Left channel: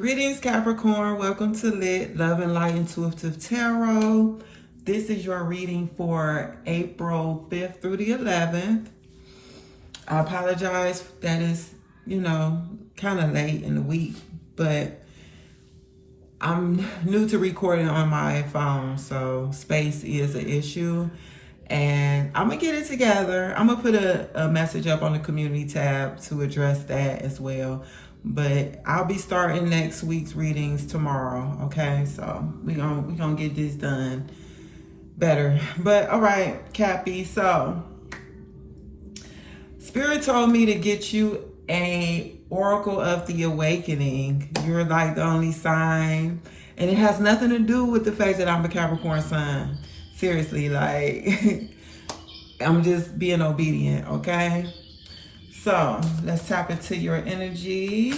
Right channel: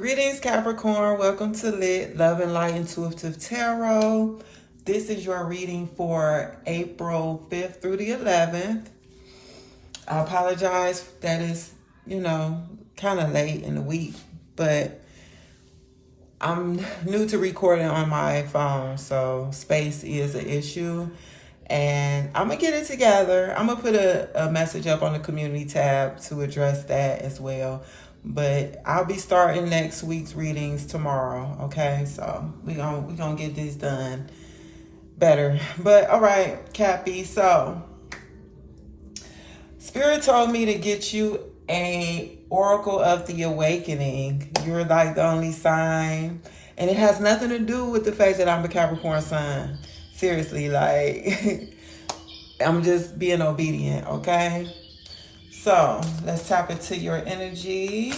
Greetings, Capricorn. Welcome to Lit, Love and Light Intuitive Tarot. This is your reading for April 5th through the 11th. I apologize that it's, kind of late in the week, but I'm new to recording on my phone, so space is an issue. And I'm going to get it together. I'm going to put a message up on the community tab to address that as well. But I'll be starting next week's readings tomorrow, okay? So we're gonna get this done better. But all right, Cappy. So Spirit told me to get you a Oracle of the Awakening. You're like the only sign. And it has nothing to do with the fact that I'm a Capricorn sun. Seriously, like, I'm just being obedient, okay? So, let's tap into your energy.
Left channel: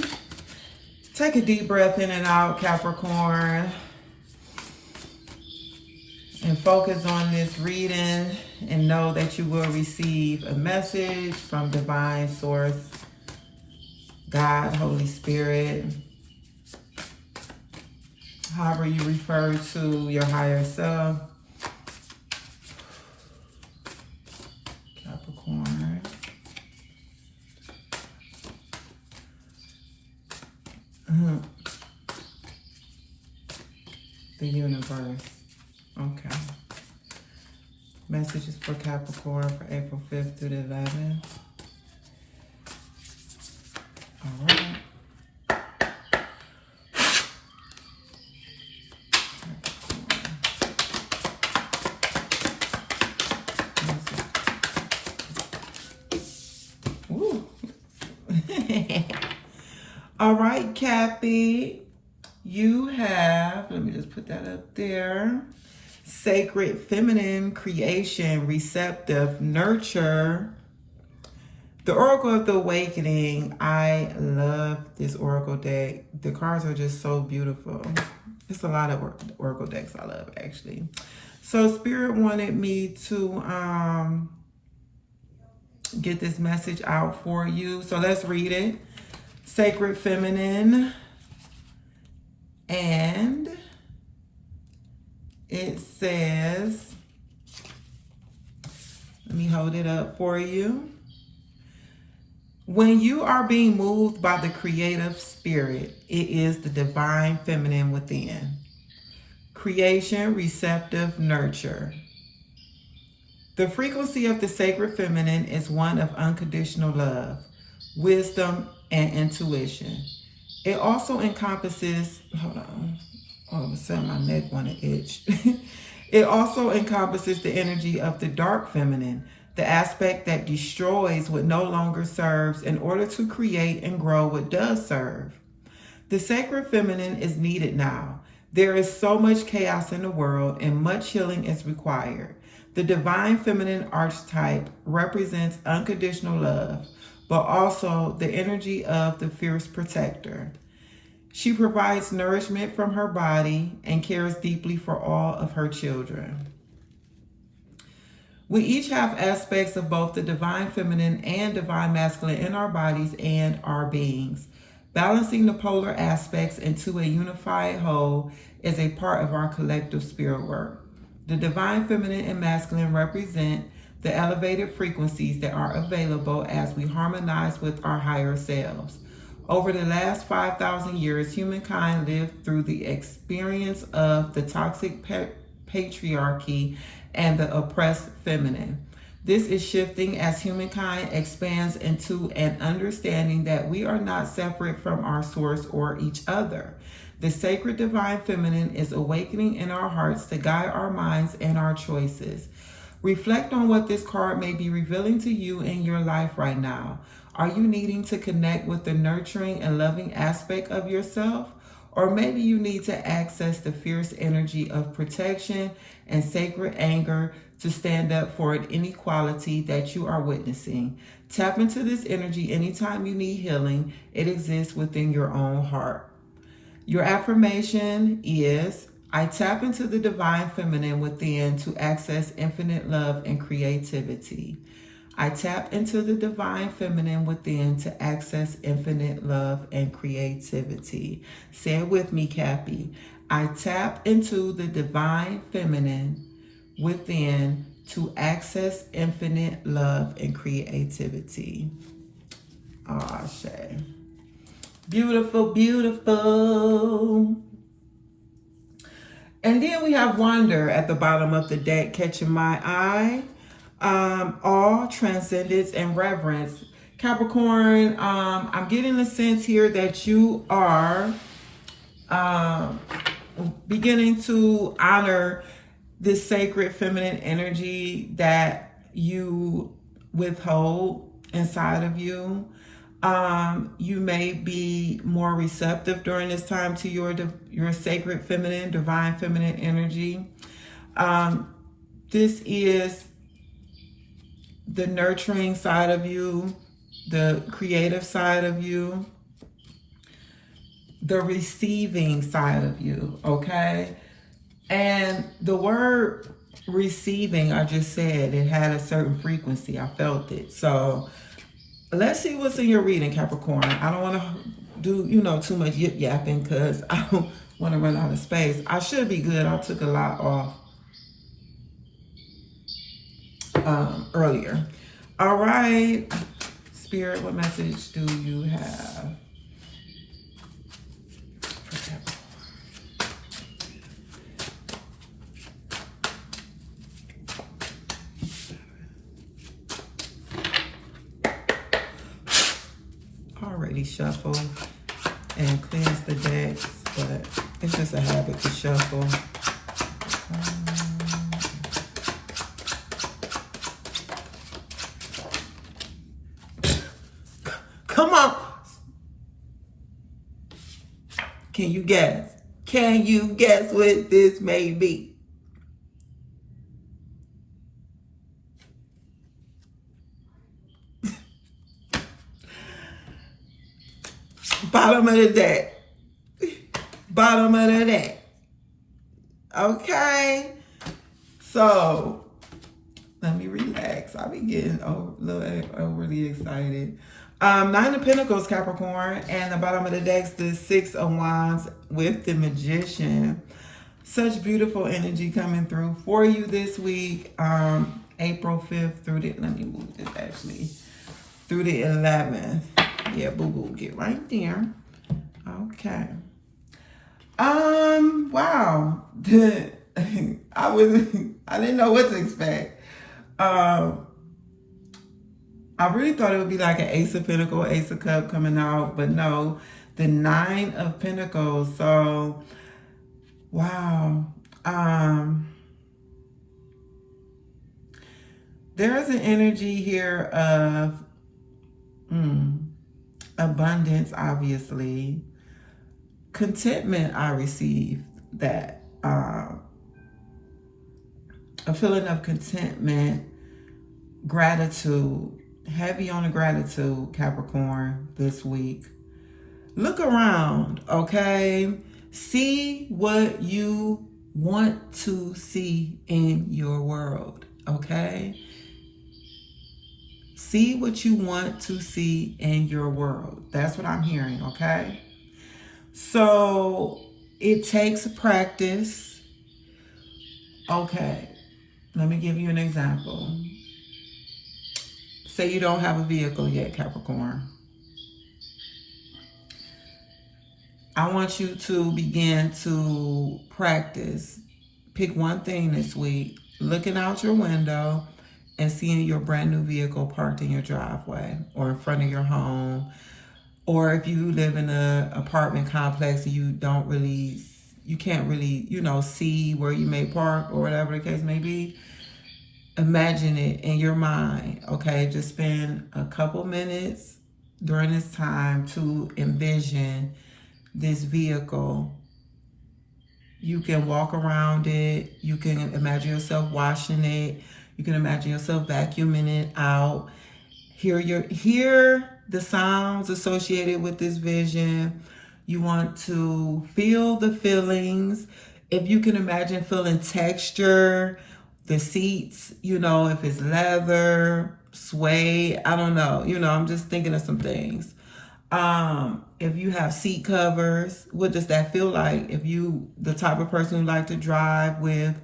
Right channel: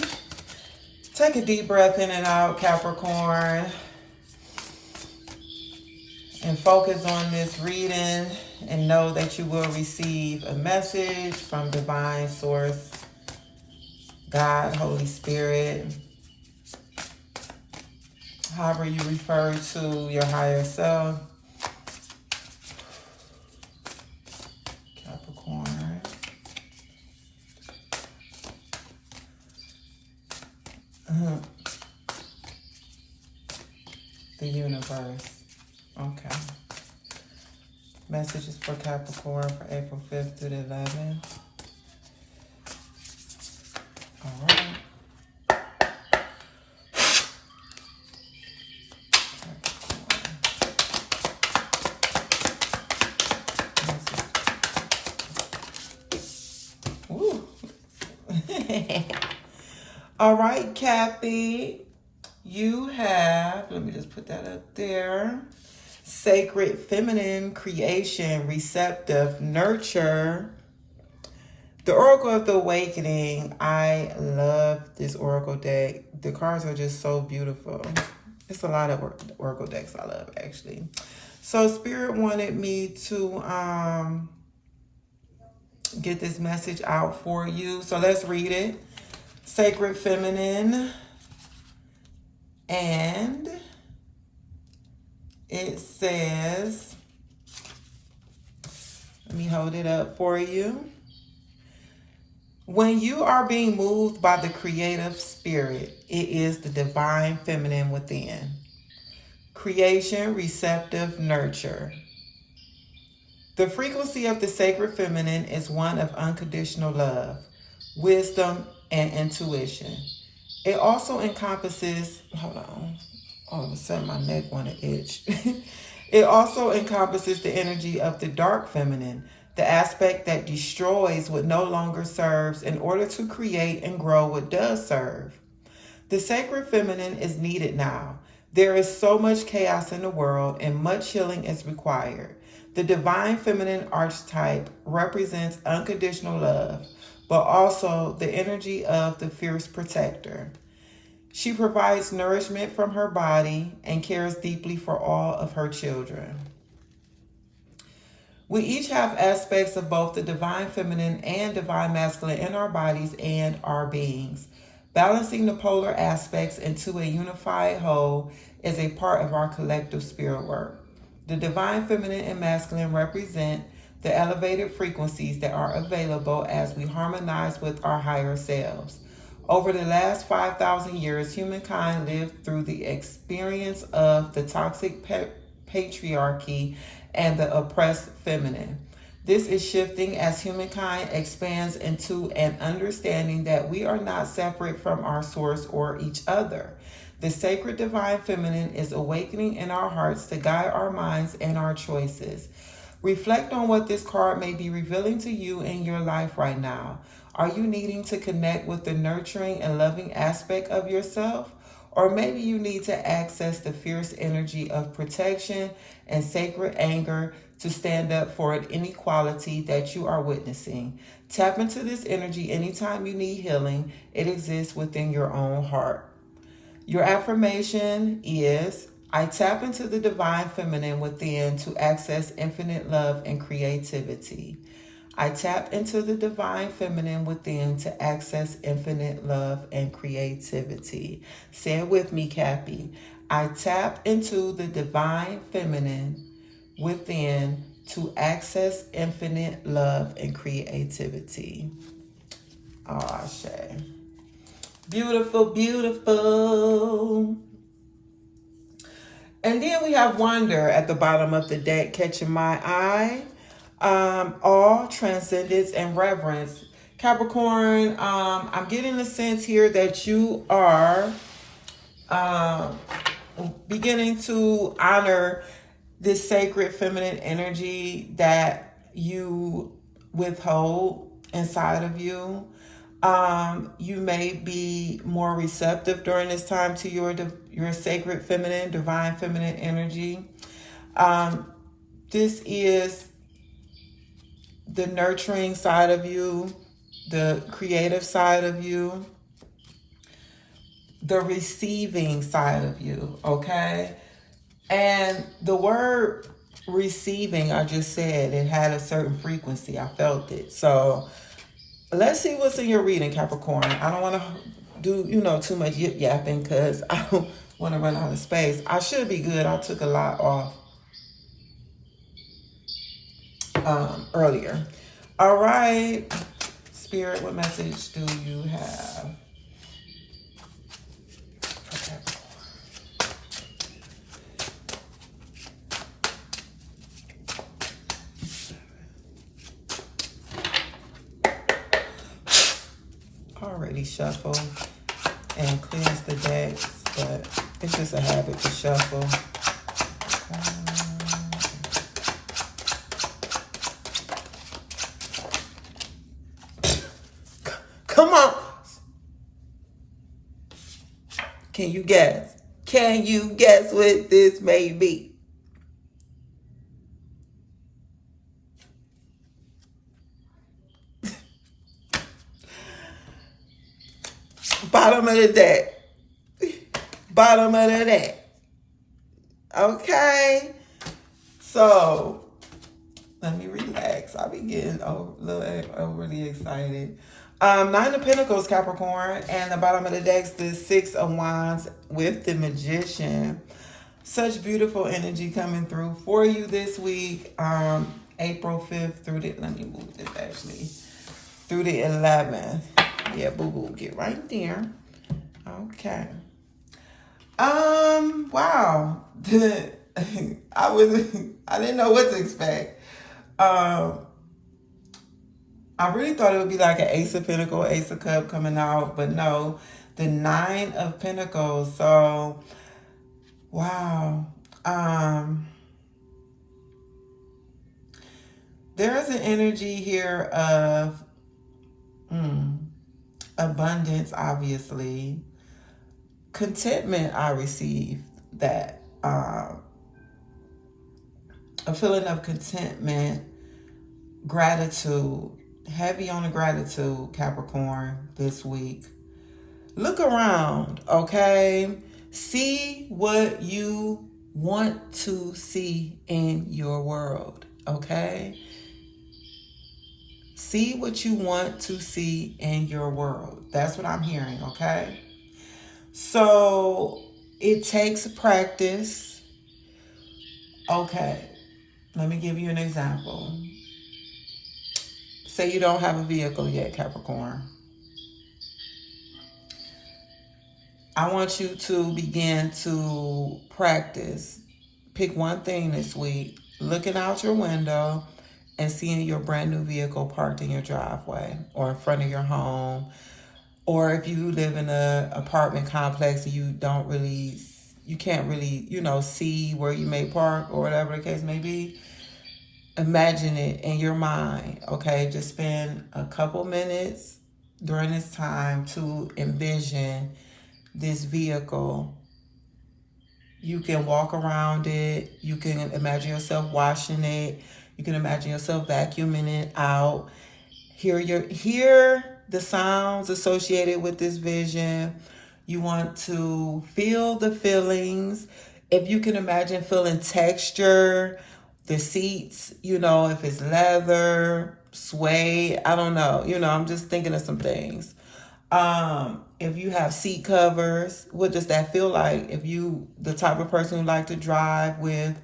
Take a deep breath in and out, Capricorn. And focus on this reading and know that you will receive a message from Divine Source, God, Holy Spirit. However you refer to your higher self. Capricorn. The universe. Okay. Messages for Capricorn for April 5th through the 11th. All right. Woo. All right, Cappy. You have, let me just put that up there. Sacred feminine, creation, receptive, nurture. The Oracle of the Awakening. I love this Oracle deck. The cards are just so beautiful. It's a lot of Oracle decks I love, actually. So Spirit wanted me to get this message out for you. So let's read it. Sacred feminine. And it says, let me hold it up for you. When you are being moved by the creative spirit, it is the divine feminine within. Creation, receptive, nurture. The frequency of the sacred feminine is one of unconditional love, wisdom, and intuition. It also encompasses, hold on, all of a sudden my neck want to itch. It also encompasses the energy of the dark feminine, the aspect that destroys what no longer serves in order to create and grow what does serve. The sacred feminine is needed now. There is so much chaos in the world and much healing is required. The divine feminine archetype represents unconditional love, but also the energy of the fierce protector. She provides nourishment from her body and cares deeply for all of her children. We each have aspects of both the divine feminine and divine masculine in our bodies and our beings. Balancing the polar aspects into a unified whole is a part of our collective spirit work. The divine feminine and masculine represent the elevated frequencies that are available as we harmonize with our higher selves. Over the last 5,000 years, humankind lived through the experience of the toxic patriarchy and the oppressed feminine. This is shifting as humankind expands into an understanding that we are not separate from our source or each other. The sacred divine feminine is awakening in our hearts to guide our minds and our choices. Reflect on what this card may be revealing to you in your life right now. Are you needing to connect with the nurturing and loving aspect of yourself? Or maybe you need to access the fierce energy of protection and sacred anger to stand up for an inequality that you are witnessing. Tap into this energy anytime you need healing. It exists within your own heart. Your affirmation is, I tap into the divine feminine within to access infinite love and creativity. I tap into the divine feminine within to access infinite love and creativity. Say it with me, Cappy. I tap into the divine feminine within to access infinite love and creativity. Oh, Shay. Beautiful, beautiful. And then we have wonder at the bottom of the deck catching my eye. Awe, transcendence, and reverence. Capricorn, I'm getting a sense here that you are beginning to honor this sacred feminine energy that you withhold inside of you. You may be more receptive during this time to your sacred feminine, divine feminine energy. This is the nurturing side of you, the creative side of you, the receiving side of you, okay? And the word receiving, I just said, it had a certain frequency. I felt it. So let's see what's in your reading, Capricorn. I don't want to do, too much yip yapping because I don't want to run out of space. I should be good. I took a lot off earlier. All right. Spirit, what message do you have? Already shuffle and cleanse the decks, but it's just a habit to shuffle. Come on. Can you guess? Can you guess what this may be? Bottom of the deck. Bottom of the deck. Okay. So, let me relax. I'll be getting a little overly excited. Nine of Pentacles, Capricorn, and the bottom of the deck's the Six of Wands with the Magician. Such beautiful energy coming through for you this week. April 5th through the, let me move this actually, through the 11th. Yeah, boo-boo, get right there. Okay. Wow. I didn't know what to expect. I really thought it would be like an Ace of Pentacles, Ace of Cups coming out, but no, the Nine of Pentacles. So, wow. There's an energy here of abundance, obviously. Contentment, I received that. A feeling of contentment, gratitude. Heavy on the gratitude, Capricorn, this week. Look around, okay? See what you want to see in your world, okay? See what you want to see in your world. That's what I'm hearing, okay? So, it takes practice. Okay, let me give you an example. Say you don't have a vehicle yet, Capricorn. I want you to begin to practice. Pick one thing this week, looking out your window and seeing your brand new vehicle parked in your driveway or in front of your home. Or if you live in an apartment complex and you can't really, see where you may park or whatever the case may be. Imagine it in your mind, okay? Just spend a couple minutes during this time to envision this vehicle. You can walk around it. You can imagine yourself washing it. You can imagine yourself vacuuming it out. Hear the sounds associated with this vision. You want to feel the feelings. If you can imagine feeling texture, the seats, if it's leather, sway. I don't know. You know, I'm just thinking of some things. If you have seat covers, what does that feel like? If you the type of person who like to drive with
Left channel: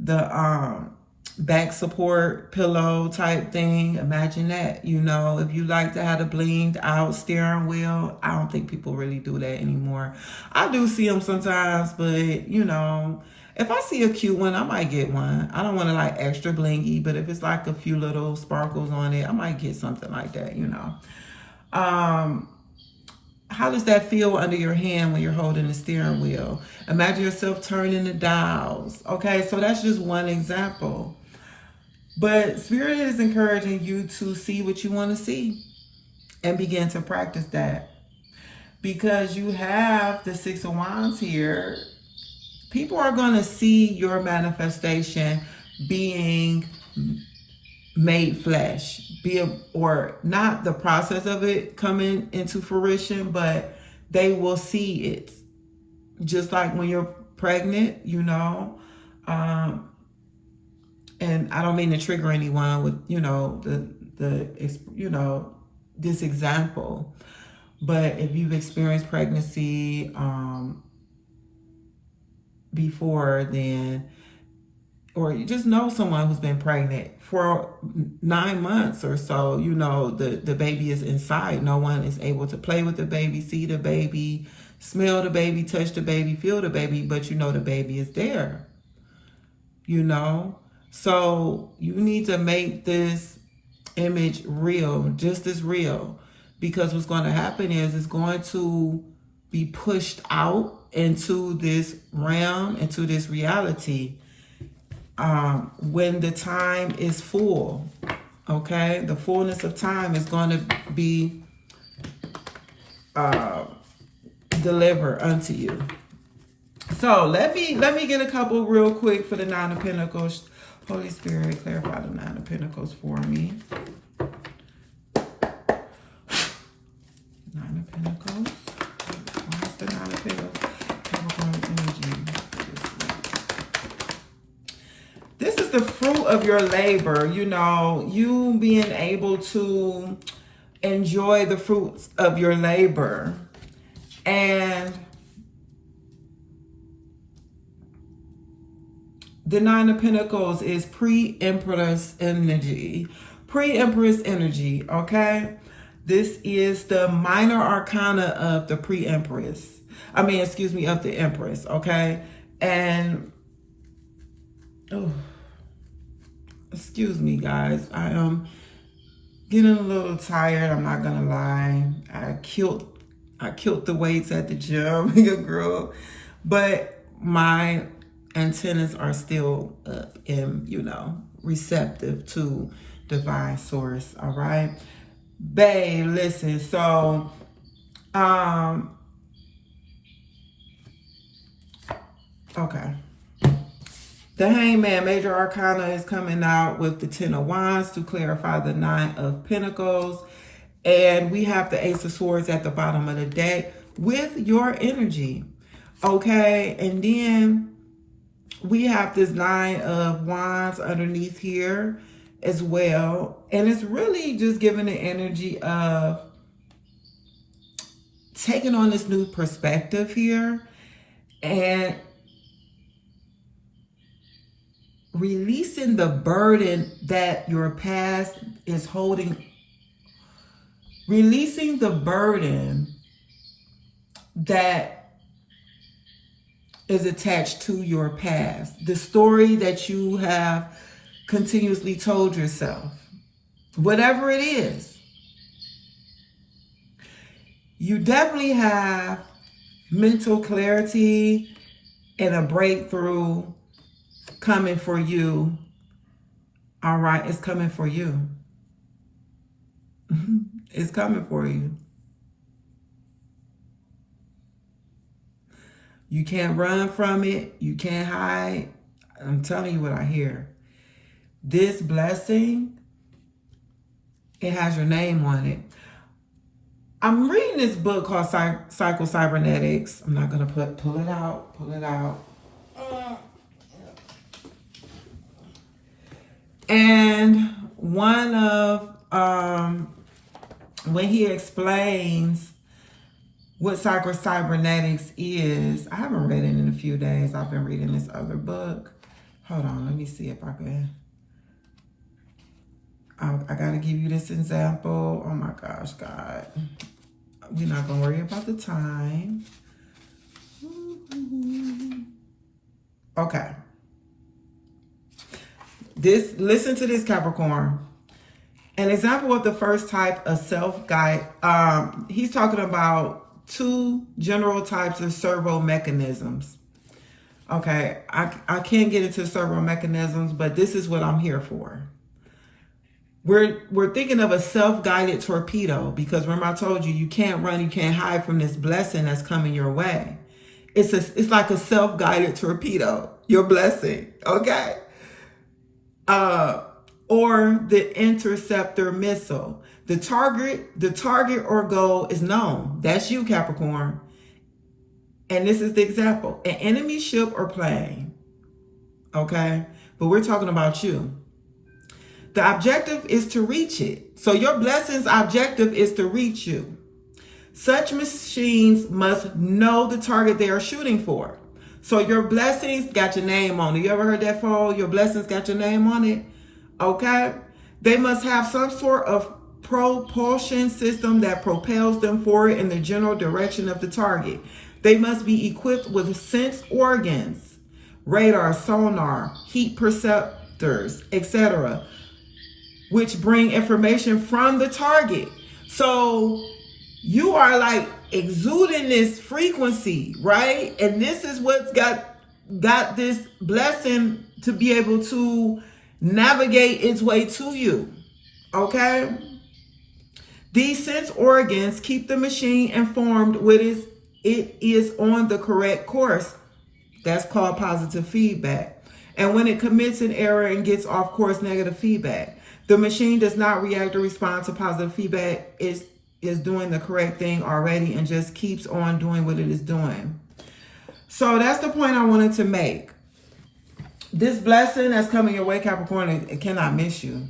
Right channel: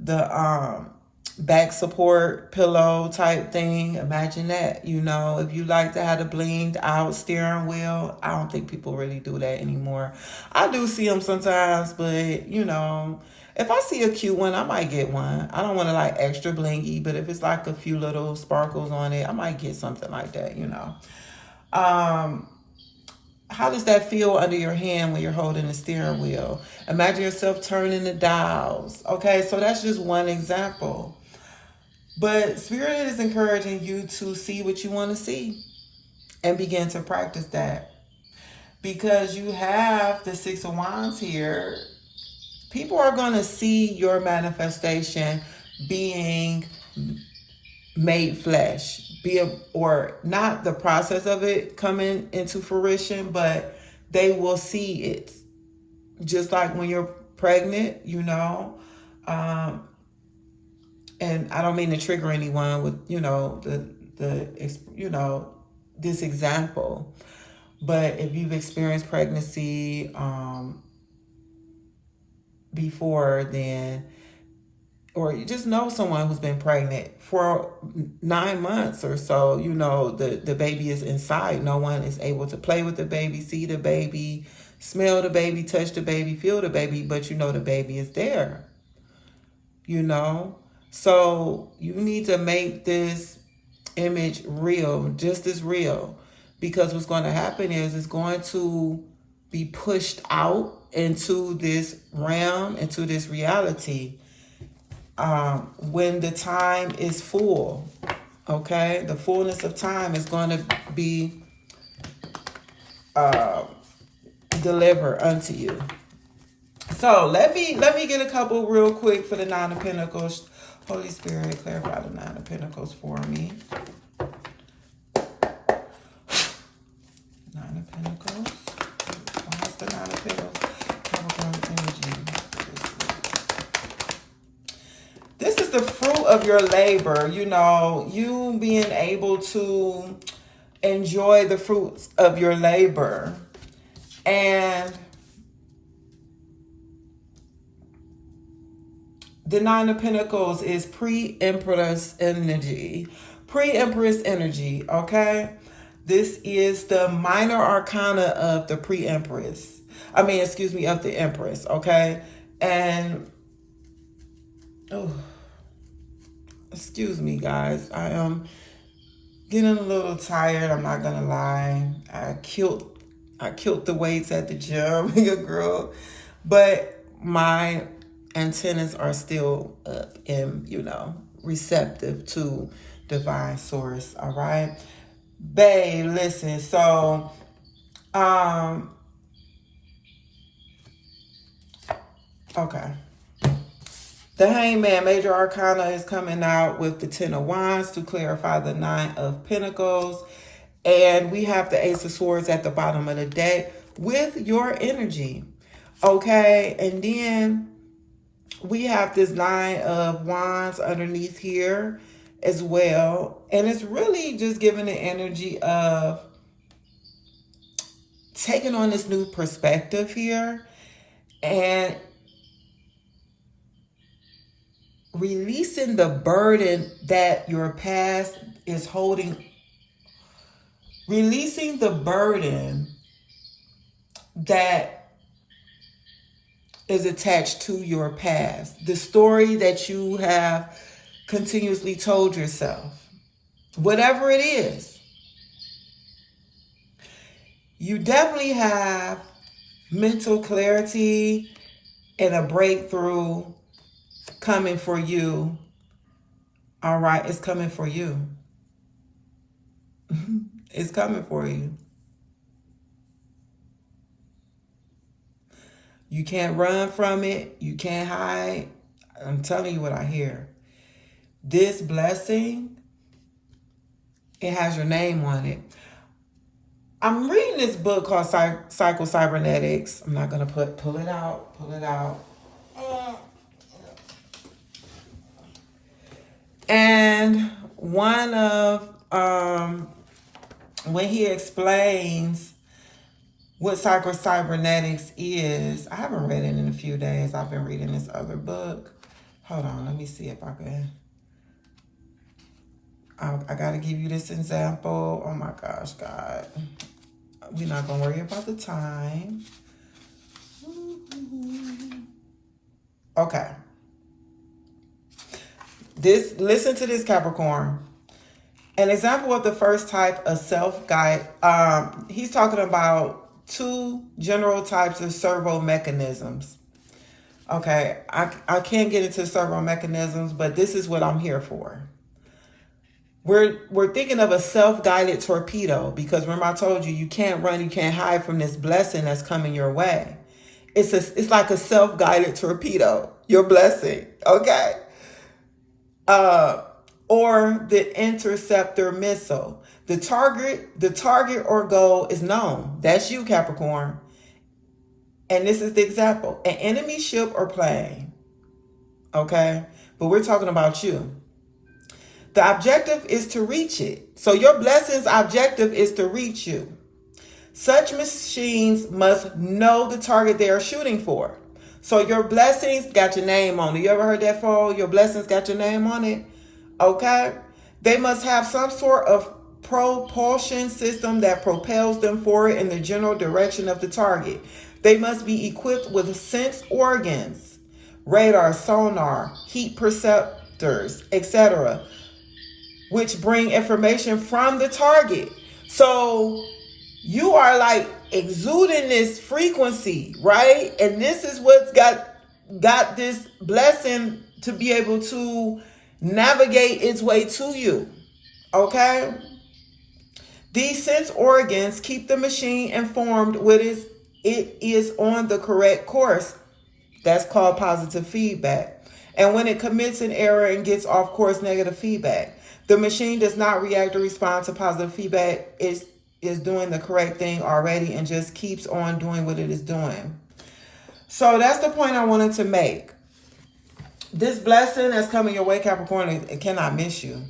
the back support pillow type thing, imagine that. You know, if you like to have a blinged out steering wheel, I don't think people really do that anymore. I do see them sometimes, but you know, if I see a cute one, I might get one. I don't want to like extra blingy, but if it's like a few little sparkles on it, I might get something like that, you know. How does that feel under your hand when you're holding the steering wheel? Imagine yourself turning the dials. Okay, so that's just one example. But Spirit is encouraging you to see what you want to see and begin to practice that. Because you have the Six of Wands here, people are going to see your manifestation being made flesh, or not the process of it coming into fruition, but they will see it. Just like when you're pregnant, you know. And I don't mean to trigger anyone with, you know, this example, but if you've experienced pregnancy before, then, or you just know someone who's been pregnant for 9 months or so, you know, the baby is inside. No one is able to play with the baby, see the baby, smell the baby, touch the baby, feel the baby, but you know the baby is there, you know. So you need to make this image real, just as real, because what's going to happen is it's going to be pushed out into this realm, into this reality, when the time is full. Okay, the fullness of time is going to be delivered unto you. So let me get a couple real quick for the Nine of Pentacles. Holy Spirit, clarify the Nine of Pentacles for me. Nine of Pentacles. What's the Nine of Pentacles? This is the fruit of your labor. You know, you being able to enjoy the fruits of your labor. And the Nine of Pentacles is pre-Empress energy. Pre-Empress energy, okay? This is the minor arcana of the pre-Empress. Of the Empress, okay? And, excuse me, guys. I am getting a little tired. I'm not gonna lie. I killed the weights at the gym, girl. But my antennas are still up and, you know, receptive to divine source. All right, babe, listen. So okay, the Hangman, major arcana, is coming out with the Ten of Wands to clarify the Nine of Pentacles, and we have the Ace of Swords at the bottom of the deck with your energy. Okay, and then we have this Nine of Wands underneath here as well. And it's really just giving the energy of taking on this new perspective here and releasing the burden that your past is holding. Releasing the burden that is attached to your past, the story that you have continuously told yourself, whatever it is. You definitely have mental clarity and a breakthrough coming for you. All right, it's coming for you. It's coming for you. You can't run from it. You can't hide. I'm telling you what I hear. This blessing, it has your name on it. I'm reading this book called Psycho Cybernetics. I'm not going to pull it out. And one of, when he explains what cybernetics is, I haven't read it in a few days. I've been reading this other book. Hold on, let me see if I can. I gotta give you this example. Oh my gosh, God. We're not gonna worry about the time. Okay. Listen to this, Capricorn. An example of the first type of self-guide, he's talking about 2 general types of servo mechanisms. Okay, I can't get into servo mechanisms, but this is what I'm here for. We're thinking of a self-guided torpedo, because remember I told you, you can't run, you can't hide from this blessing that's coming your way. It's like a self-guided torpedo, your blessing, okay? Or the interceptor missile. The target or goal is known. That's you, Capricorn. And this is the example. An enemy ship or plane. Okay? But we're talking about you. The objective is to reach it. So your blessing's objective is to reach you. Such machines must know the target they are shooting for. So your blessings got your name on it. You ever heard that before? Your blessings got your name on it? Okay? They must have some sort of propulsion system that propels them forward in the general direction of the target. They must be equipped with sense organs, radar, sonar, heat perceptors, etc., which bring information from the target. So you are like exuding this frequency, right? And this is what's got this blessing to be able to navigate its way to you, okay? These sense organs keep the machine informed with it is on the correct course. That's called positive feedback. And when it commits an error and gets off course, negative feedback. The machine does not react or respond to positive feedback. Is doing the correct thing already and just keeps on doing what it is doing. So that's the point I wanted to make. This blessing that's coming your way, Capricorn, it cannot miss you.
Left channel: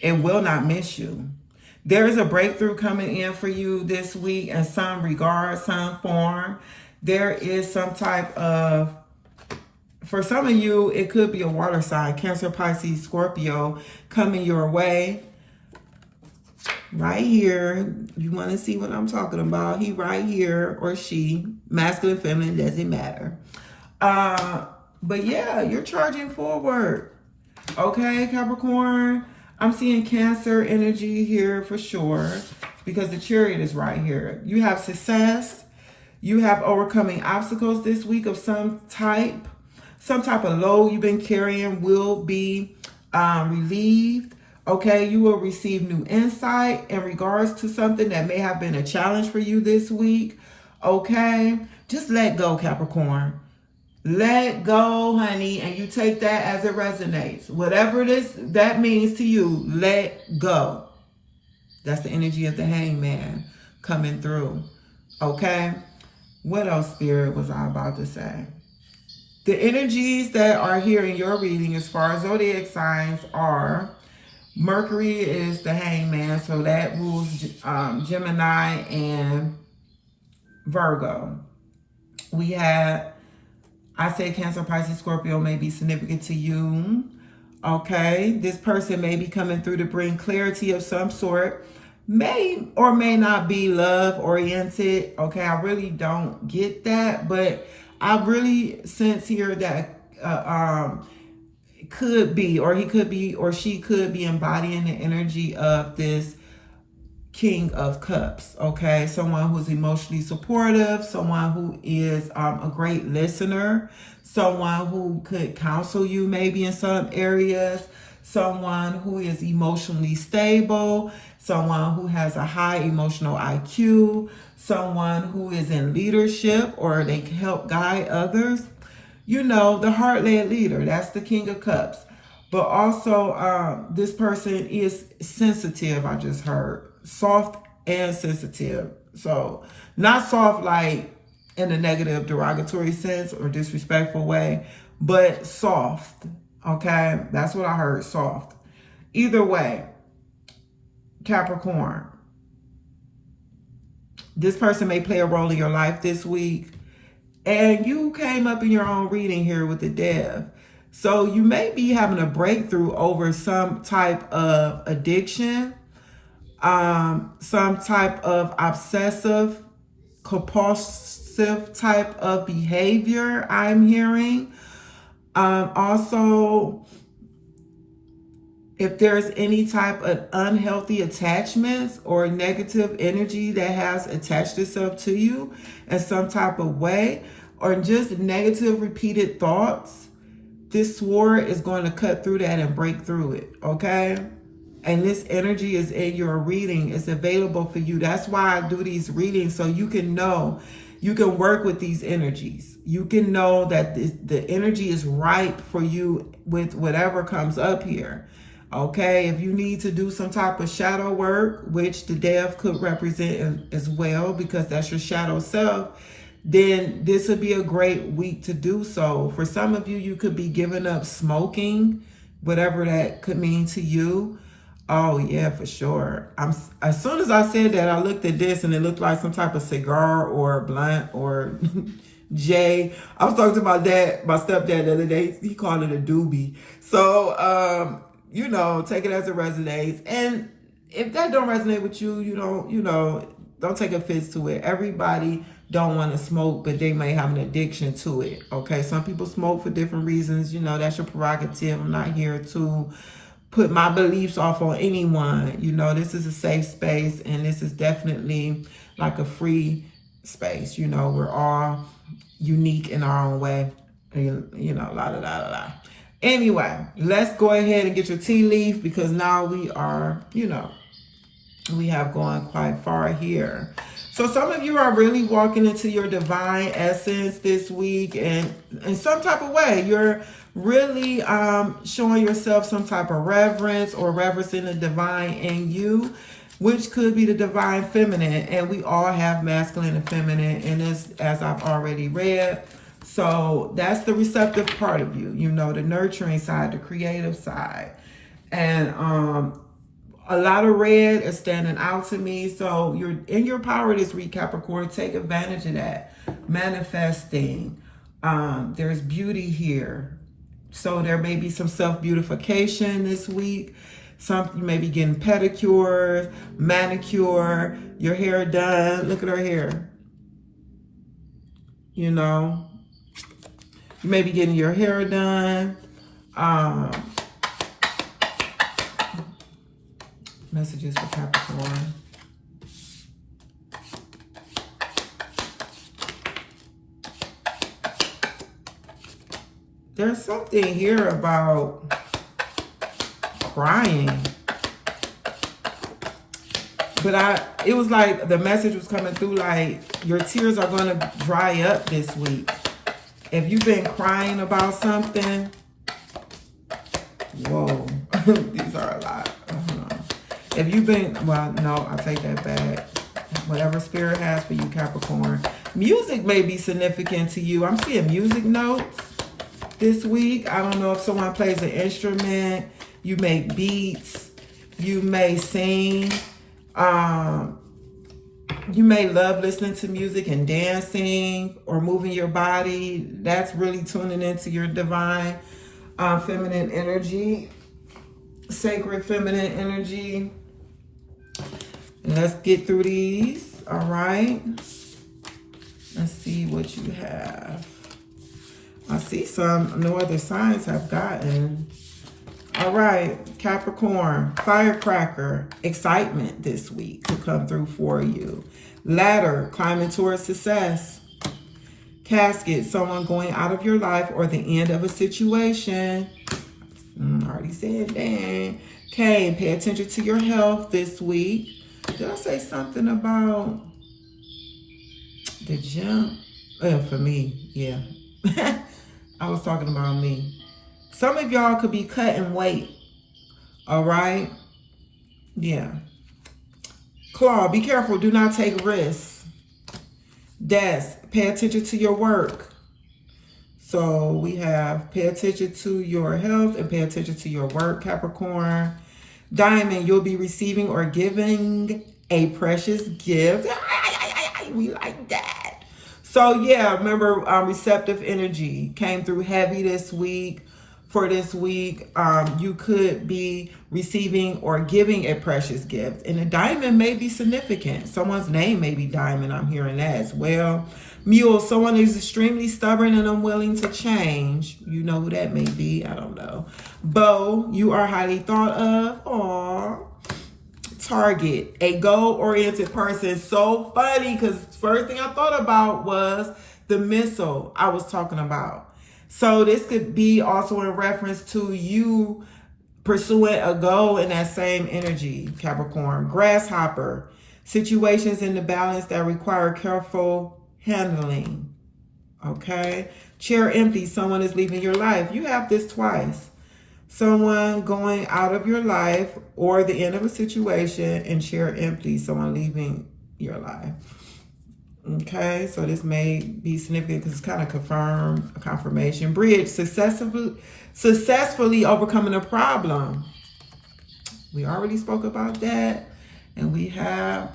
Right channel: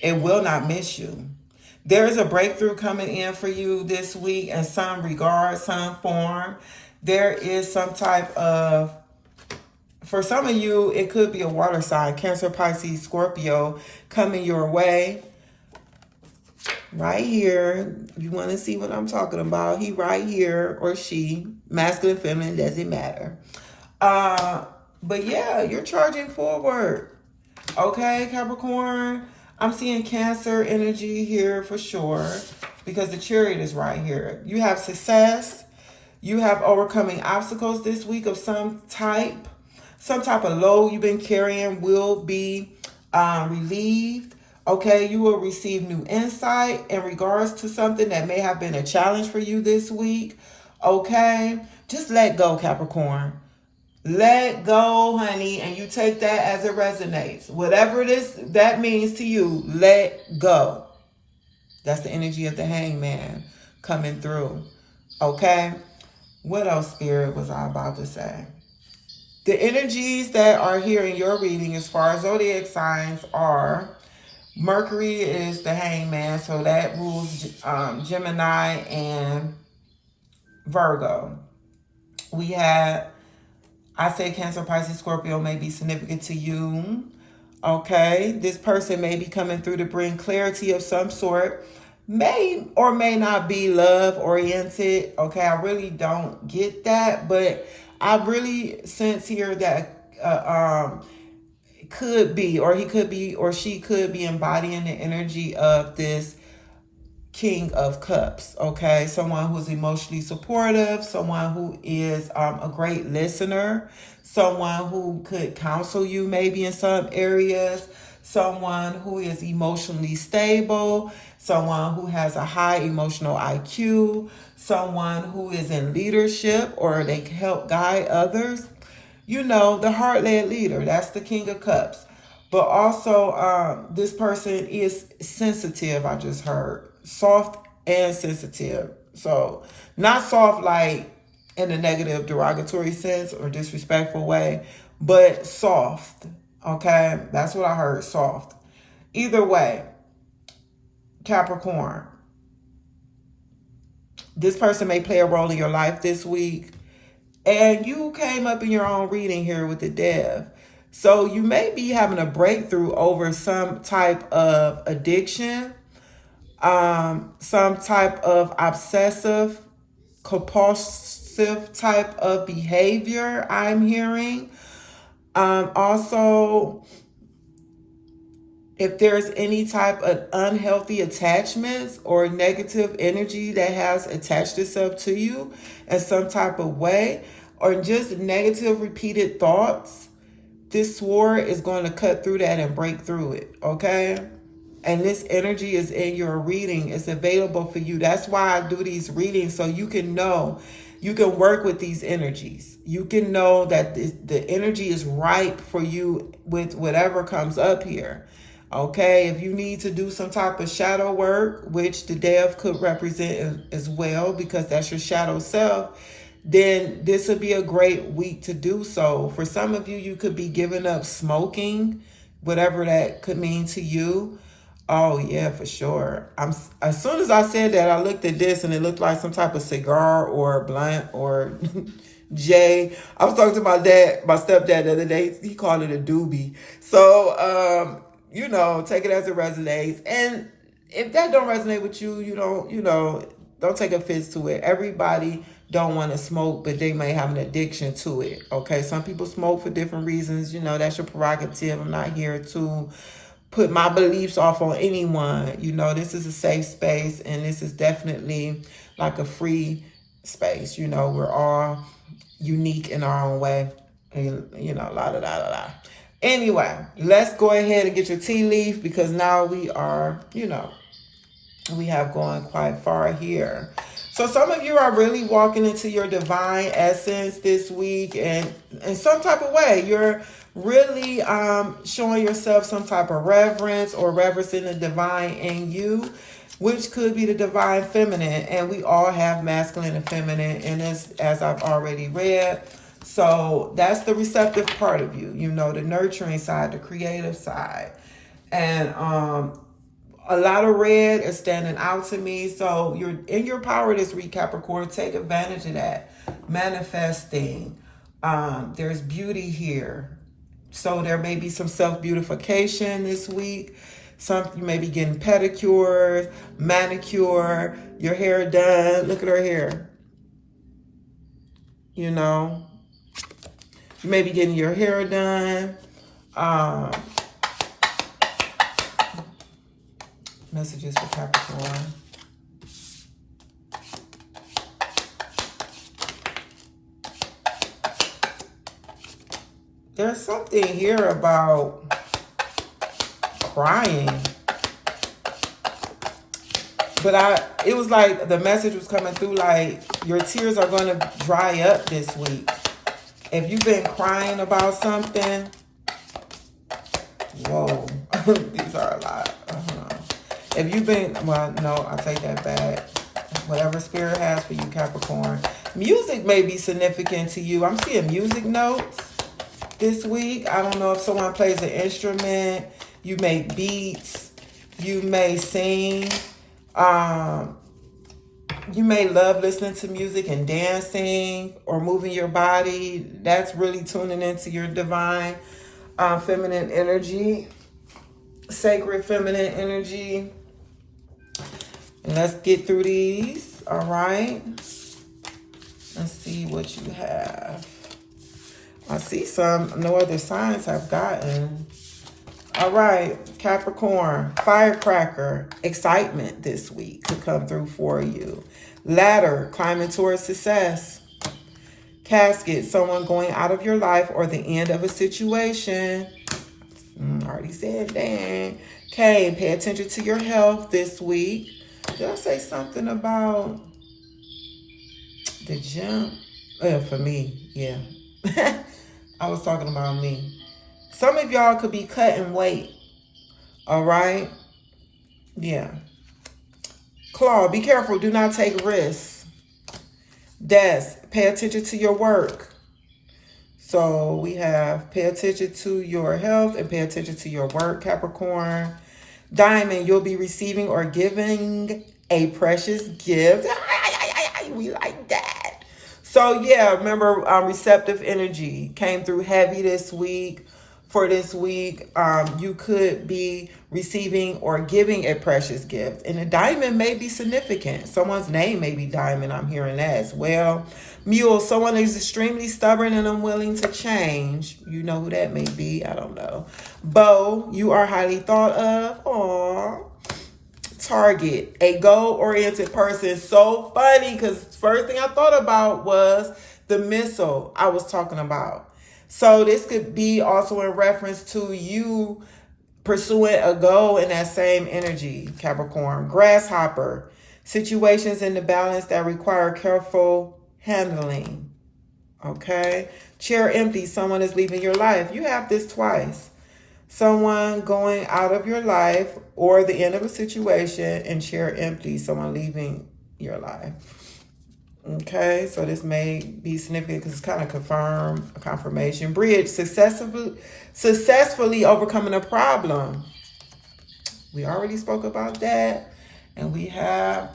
It will not miss you. There is a breakthrough coming in for you this week in some regard, some form. There is some type of, for some of you, it could be a water sign, Cancer, Pisces, Scorpio, coming your way. Right here, you want to see what I'm talking about. He right here, or she, masculine, feminine, doesn't matter. But yeah, you're charging forward. Okay, Capricorn. I'm seeing Cancer energy here for sure, because the Chariot is right here. You have success. You have overcoming obstacles this week of some type. Some type of load you've been carrying will be relieved. Okay, you will receive new insight in regards to something that may have been a challenge for you this week. Okay, just let go, Capricorn. Let go, honey, and you take that as it resonates. Whatever that means to you, let go. That's the energy of the Hangman coming through. Okay, what else, Spirit, was I about to say? The energies that are here in your reading as far as zodiac signs are Mercury is the Hangman, so that rules Gemini and Virgo. We have, I say Cancer, Pisces, Scorpio may be significant to you. Okay, this person may be coming through to bring clarity of some sort. May or may not be love oriented. Okay, I really don't get that, but I really sense here that could be, or he could be, or she could be embodying the energy of this King of Cups. Okay, someone who's emotionally supportive, someone who is a great listener, someone who could counsel you maybe in some areas, someone who is emotionally stable, someone who has a high emotional IQ, someone who is in leadership or they can help guide others. You know, the heart-led leader, that's the King of Cups. But also, this person is sensitive, I just heard. Soft and sensitive. So, not soft like in a negative, derogatory sense or disrespectful way, but soft. Okay? That's what I heard, soft. Either way, Capricorn, this person may play a role in your life this week. And you came up in your own reading here with the Dev. So you may be having a breakthrough over some type of addiction, some type of obsessive, compulsive type of behavior I'm hearing. Also, if there's any type of unhealthy attachments or negative energy that has attached itself to you in some type of way, or just negative repeated thoughts, this sword is going to cut through that and break through it, okay? And this energy is in your reading. It's available for you. That's why I do these readings, so you can know, you can work with these energies. You can know that the energy is ripe for you with whatever comes up here. Okay, if you need to do some type of shadow work, which the Dev could represent as well, because that's your shadow self, then this would be a great week to do so. For some of you, you could be giving up smoking, whatever that could mean to you. Oh yeah, for sure. As soon as I said that, I looked at this and it looked like some type of cigar or blunt or J. I was talking to my stepdad the other day. He called it a doobie. So, you know, take it as it resonates. And if that don't resonate with you, don't take offense to it. Everybody don't want to smoke, but they may have an addiction to it. Okay, some people smoke for different reasons. You know, that's your prerogative. I'm not here to put my beliefs off on anyone. You know, this is a safe space, and this is definitely like a free space. You know, we're all unique in our own way. You know, la da da da da. Anyway, let's go ahead and get your tea leaf, because now we are, we have gone quite far here. So some of you are really walking into your divine essence this week, and in some type of way, you're really showing yourself some type of reverence or reverencing the divine in you, which could be the divine feminine. And we all have masculine and feminine in this, as I've already read. So that's the receptive part of you, the nurturing side, the creative side. And a lot of red is standing out to me. So you're in your power this week, Capricorn. Take advantage of that. Manifesting. There's beauty here. So there may be some self-beautification this week. You may be getting pedicures, manicure, your hair done. Look at her hair. You may be getting your hair done. Messages for Capricorn. There's something here about crying. But it was like the message was coming through like your tears are going to dry up this week. If you've been crying about something, whoa, these are a lot. If you've been, well, no, I take that back. Whatever spirit has for you, Capricorn. Music may be significant to you. I'm seeing music notes this week. I don't know if someone plays an instrument. You make beats. You may sing. You may love listening to music and dancing or moving your body. That's really tuning into your divine feminine energy, sacred feminine energy. And let's get through these. All right. Let's see what you have. I see no other signs have gotten. All right, Capricorn, firecracker, excitement this week to come through for you. Ladder, climbing towards success. Casket, someone going out of your life or the end of a situation. Already said dang. Cane, pay attention to your health this week. Did I say something about the gym? For me, yeah. I was talking about me. Some of y'all could be cutting weight. All right? Yeah. Claw, be careful. Do not take risks. Desk, pay attention to your work. So we have pay attention to your health and pay attention to your work, Capricorn. Diamond, you'll be receiving or giving a precious gift. We like that. So yeah, remember receptive energy came through heavy this week. For this week, you could be receiving or giving a precious gift. And a diamond may be significant. Someone's name may be Diamond. I'm hearing that as well. Mule, someone is extremely stubborn and unwilling to change. You know who that may be. I don't know. Bow, you are highly thought of. Aww. Target, a goal-oriented person. So funny, because first thing I thought about was the missile I was talking about. So this could be also in reference to you pursuing a goal in that same energy, Capricorn. Grasshopper, situations in the balance that require careful handling. Okay. Chair empty, someone is leaving your life. You have this twice. Someone going out of your life or the end of a situation, and chair empty, someone leaving your life. Okay, so this may be significant because it's kind of confirmation. Bridge, successfully overcoming a problem. We already spoke about that. And we have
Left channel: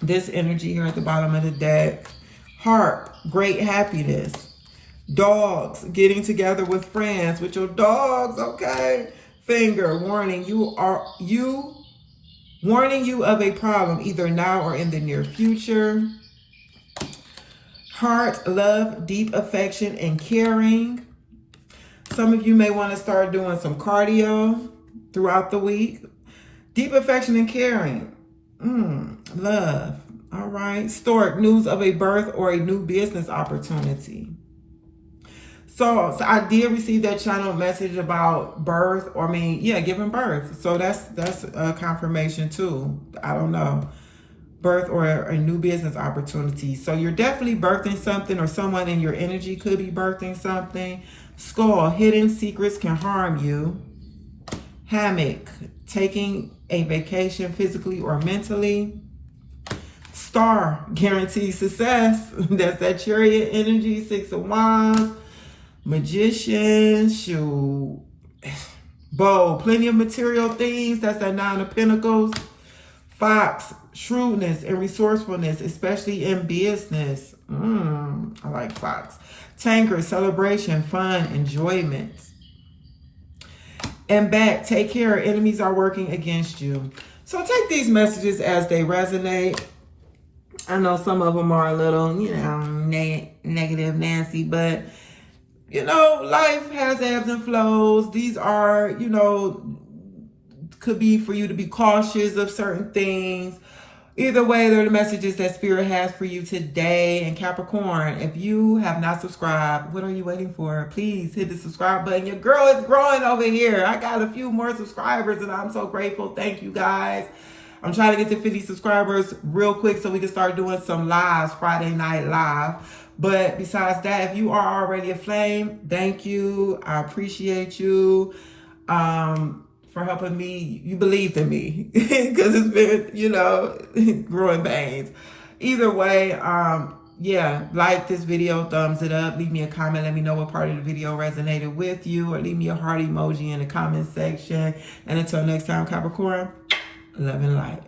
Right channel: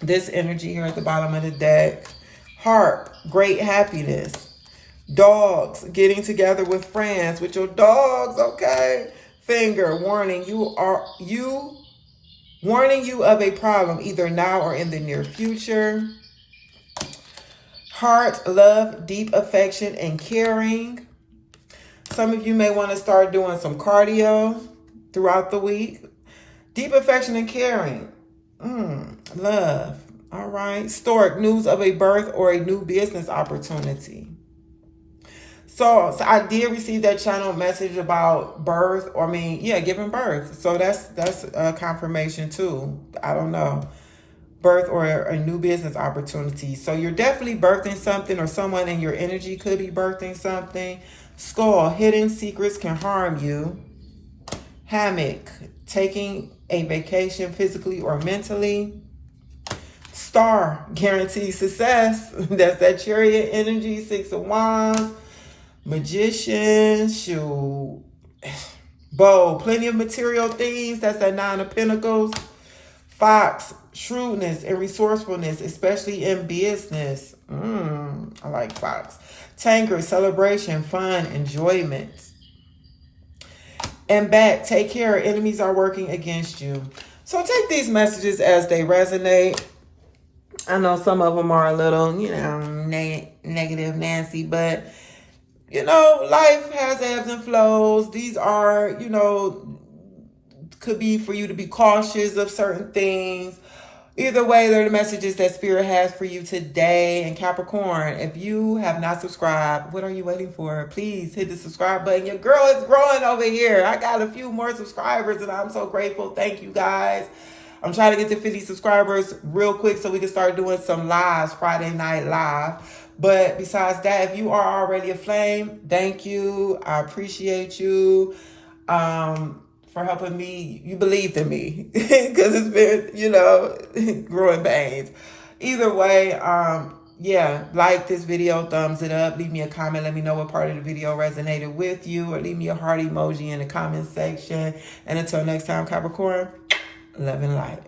this energy here at the bottom of the deck. Heart, great happiness. Dogs, getting together with friends, with your dogs, okay? Finger, warning you of a problem, either now or in the near future. Heart, love, deep affection, and caring. Some of you may want to start doing some cardio throughout the week. Deep affection and caring. Love. All right. Stork, news of a birth or a new business opportunity. So I did receive that channel message about birth, or giving birth. So that's a confirmation too. I don't know. Birth or a new business opportunity. So you're definitely birthing something, or someone in your energy could be birthing something. Skull, hidden secrets can harm you. Hammock, taking a vacation physically or mentally. Star, guaranteed success. That's that Chariot energy. 6 of Wands. Magician, shoot. Bow, plenty of material things. That's that 9 of Pentacles. Fox, shrewdness and resourcefulness, especially in business. I like Fox. Tanker, celebration, fun, enjoyment. And Bat, take care. Enemies are working against you. So take these messages as they resonate. I know some of them are a little, negative, Nancy, but, life has ebbs and flows. These are, could be for you to be cautious of certain things. Either way, they're the messages that Spirit has for you today. And Capricorn, if you have not subscribed, what are you waiting for? Please hit the subscribe button. Your girl is growing over here. I got a few more subscribers and I'm so grateful. Thank you guys. I'm trying to get to 50 subscribers real quick so we can start doing some lives, Friday night live. But besides that, if you are already a flame, thank you. I appreciate you. For helping me. You believed in me because it's been, growing pains. Either way, like this video, thumbs it up, leave me a comment, let me know what part of the video resonated with you, or leave me a heart emoji in the comment section. And until next time, Capricorn, love and light.